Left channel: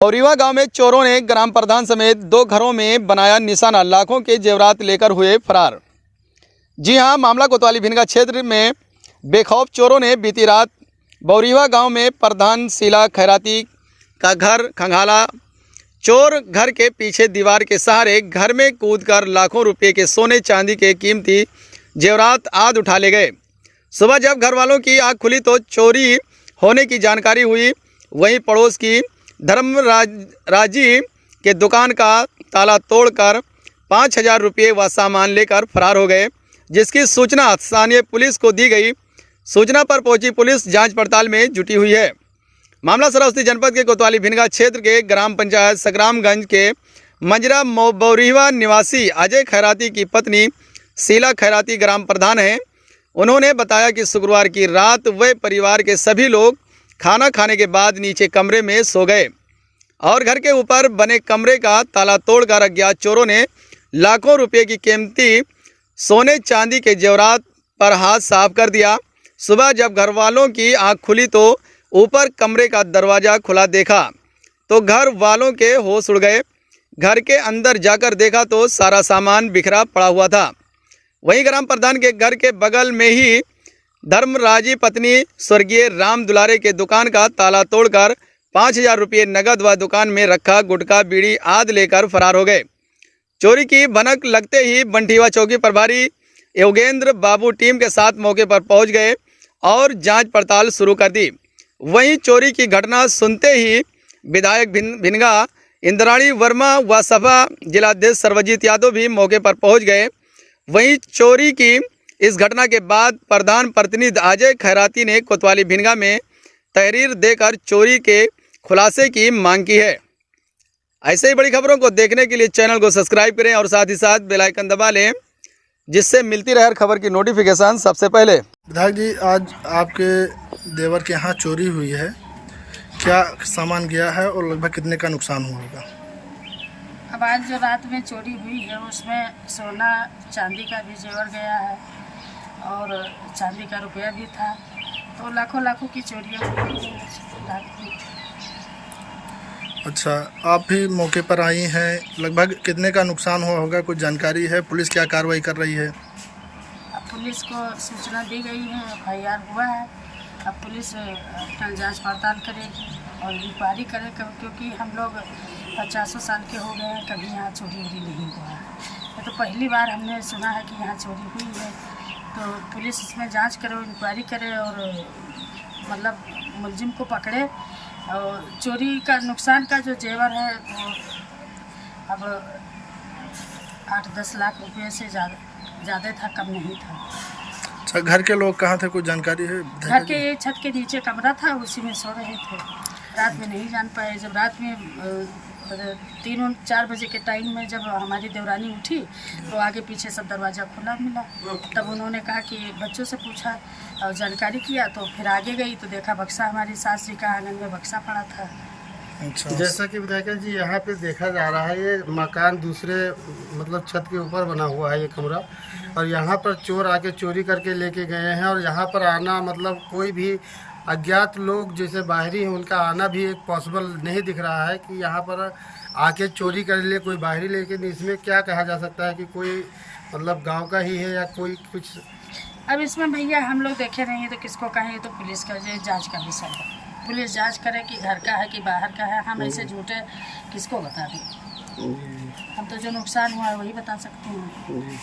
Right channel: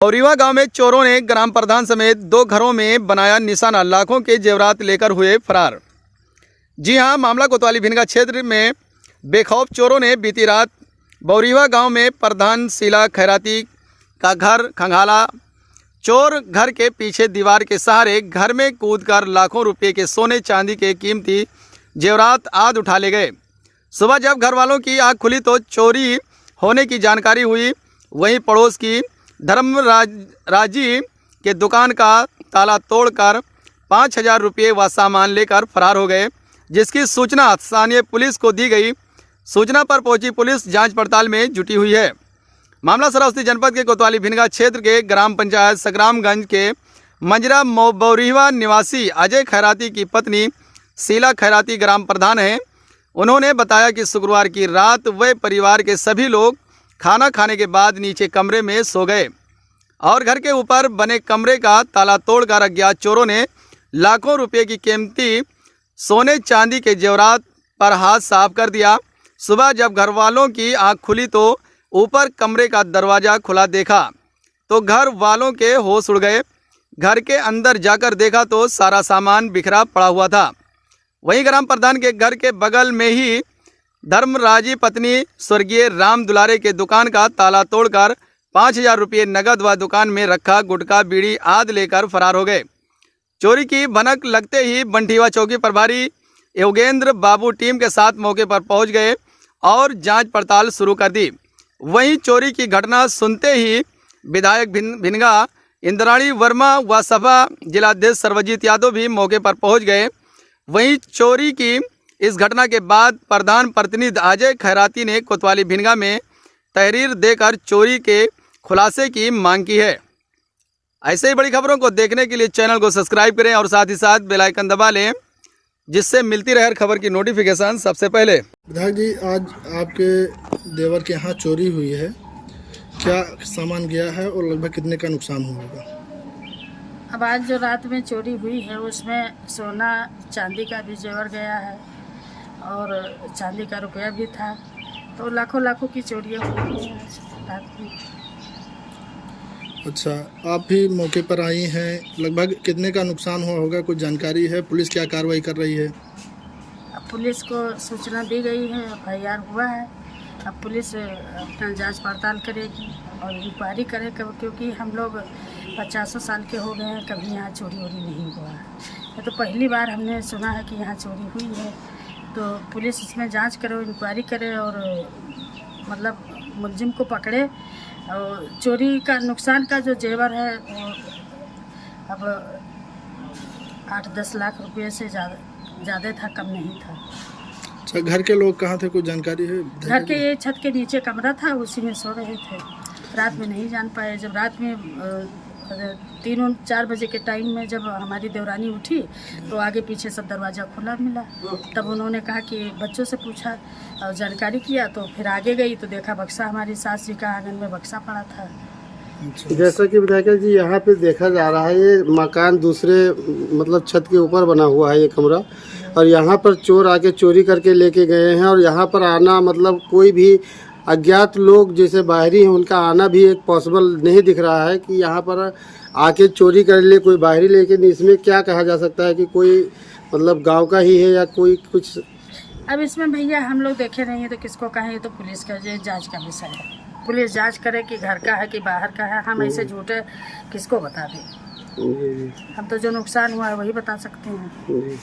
बौरीवा गांव में चोरों ने ग्राम प्रधान समेत 2 घरों में बनाया निशाना, लाखों के जेवरात लेकर हुए फरार। जी हां, मामला कोतवाली भिनगा क्षेत्र में बेखौफ चोरों ने बीती रात बौरीवा गांव में प्रधान शीला खैराती का घर खंगाला। चोर घर के पीछे दीवार के सहारे घर में कूदकर लाखों रुपए के सोने चांदी के कीमती जेवरात आदि उठा ले गए। सुबह जब घर वालों की आँख खुली तो चोरी होने की जानकारी हुई। वहीं पड़ोस की धर्मराजी के दुकान का ताला तोड़कर 5,000 रुपये व सामान लेकर फरार हो गए, जिसकी सूचना स्थानीय पुलिस को दी गई। सूचना पर पहुंची पुलिस जांच पड़ताल में जुटी हुई है। मामला श्रावस्ती जनपद के कोतवाली भिनगा क्षेत्र के ग्राम पंचायत संग्रामगंज के मंजरा बौरीवा निवासी अजय खैराती की पत्नी शीला खैराती ग्राम प्रधान हैं। उन्होंने बताया कि शुक्रवार की रात वे परिवार के सभी लोग खाना खाने के बाद नीचे कमरे में सो गए और घर के ऊपर बने कमरे का ताला तोड़कर अज्ञात चोरों ने लाखों रुपए की कीमती सोने चांदी के जेवरात पर हाथ साफ कर दिया। सुबह जब घर वालों की आंख खुली तो ऊपर कमरे का दरवाज़ा खुला देखा तो घर वालों के होश उड़ गए। घर के अंदर जाकर देखा तो सारा सामान बिखरा पड़ा हुआ था। वहीं ग्राम प्रधान के घर के बगल में ही धर्मराजी पत्नी स्वर्गीय राम दुलारे के दुकान का ताला तोड़कर 5,000 रुपये नगद व दुकान में रखा गुटखा बीड़ी आदि लेकर फरार हो गए। चोरी की भनक लगते ही बंठीवा चौकी प्रभारी योगेंद्र बाबू टीम के साथ मौके पर पहुंच गए और जांच पड़ताल शुरू कर दी। वहीं चोरी की घटना सुनते ही विधायक भिनगा इंद्राणी वर्मा व सपा जिलाध्यक्ष सर्वजीत यादव भी मौके पर पहुंच गए। वहीं चोरी की इस घटना के बाद प्रधान प्रतिनिधि अजय खैराती ने कोतवाली भिनगा में तहरीर देकर चोरी के खुलासे की मांग की है। ऐसे ही बड़ी खबरों को देखने के लिए चैनल को सब्सक्राइब करें और साथ ही साथ बेल आइकन दबा लें, जिससे मिलती रहे हर खबर की नोटिफिकेशन सबसे पहले। विधायक जी, आज आपके देवर के यहाँ चोरी हुई है, क्या सामान गया है और लगभग कितने का नुकसान हुआ होगा? अब आज जो रात में चोरी हुई है उसमें सोना चांदी का भी जेवर गया है और चांदी का रुपया भी था, तो लाखों लाखों की चोरियाँ हुई हैं रात में। अच्छा, आप भी मौके पर आई हैं, लगभग कितने का नुकसान हुआ होगा, कुछ जानकारी है? पुलिस क्या कार्रवाई कर रही है? अब पुलिस को सूचना दी गई है, FIR हुआ है। अब पुलिस अपना जांच पड़ताल करेगी और इंक्वायरी करे, क्योंकि हम लोग 50 साल के हो गए हैं, कभी यहाँ चोरी वोरी नहीं हुआ है। तो पहली बार हमने सुना है कि यहाँ चोरी हुई है, तो पुलिस इसमें जांच करे और इंक्वायरी करे और मतलब मुलजिम को पकड़े। और चोरी का नुकसान का जो जेवर है वो अब 8-10 लाख रुपये से ज़्यादा था, कम नहीं था। अच्छा, घर के लोग कहाँ थे, कुछ जानकारी है? घर के ये छत के नीचे कमरा था, उसी में सो रहे थे। रात में नहीं जान पाए। जब रात में 3-4 बजे के टाइम में जब हमारी देवरानी उठी तो आगे पीछे सब दरवाज़ा खुला मिला। तब उन्होंने कहा कि बच्चों से पूछा और जानकारी किया, तो फिर आगे गई तो देखा बक्सा, हमारी सास जी का आंगन में बक्सा पड़ा था। अच्छा, जैसा कि विधायक जी यहाँ पे देखा जा रहा है, ये मकान दूसरे मतलब छत के ऊपर बना हुआ है ये कमरा, और यहाँ पर चोर आके चोरी करके लेके गए हैं। और यहाँ पर आना मतलब कोई भी अज्ञात लोग जैसे बाहरी हैं उनका आना भी एक पॉसिबल नहीं दिख रहा है कि यहाँ पर आके चोरी कर ले कोई बाहरी। लेकिन इसमें क्या कहा जा सकता है कि कोई मतलब गांव का ही है या कोई कुछ? अब इसमें भैया हम लोग देखे नहीं है तो किसको कहें, ये तो पुलिस का जांच का विषय है। पुलिस जांच करे कि घर का है कि बाहर का है। हम ऐसे झूठे किसको बता दें? हम तो जो नुकसान हुआ है वही बता सकते हैं।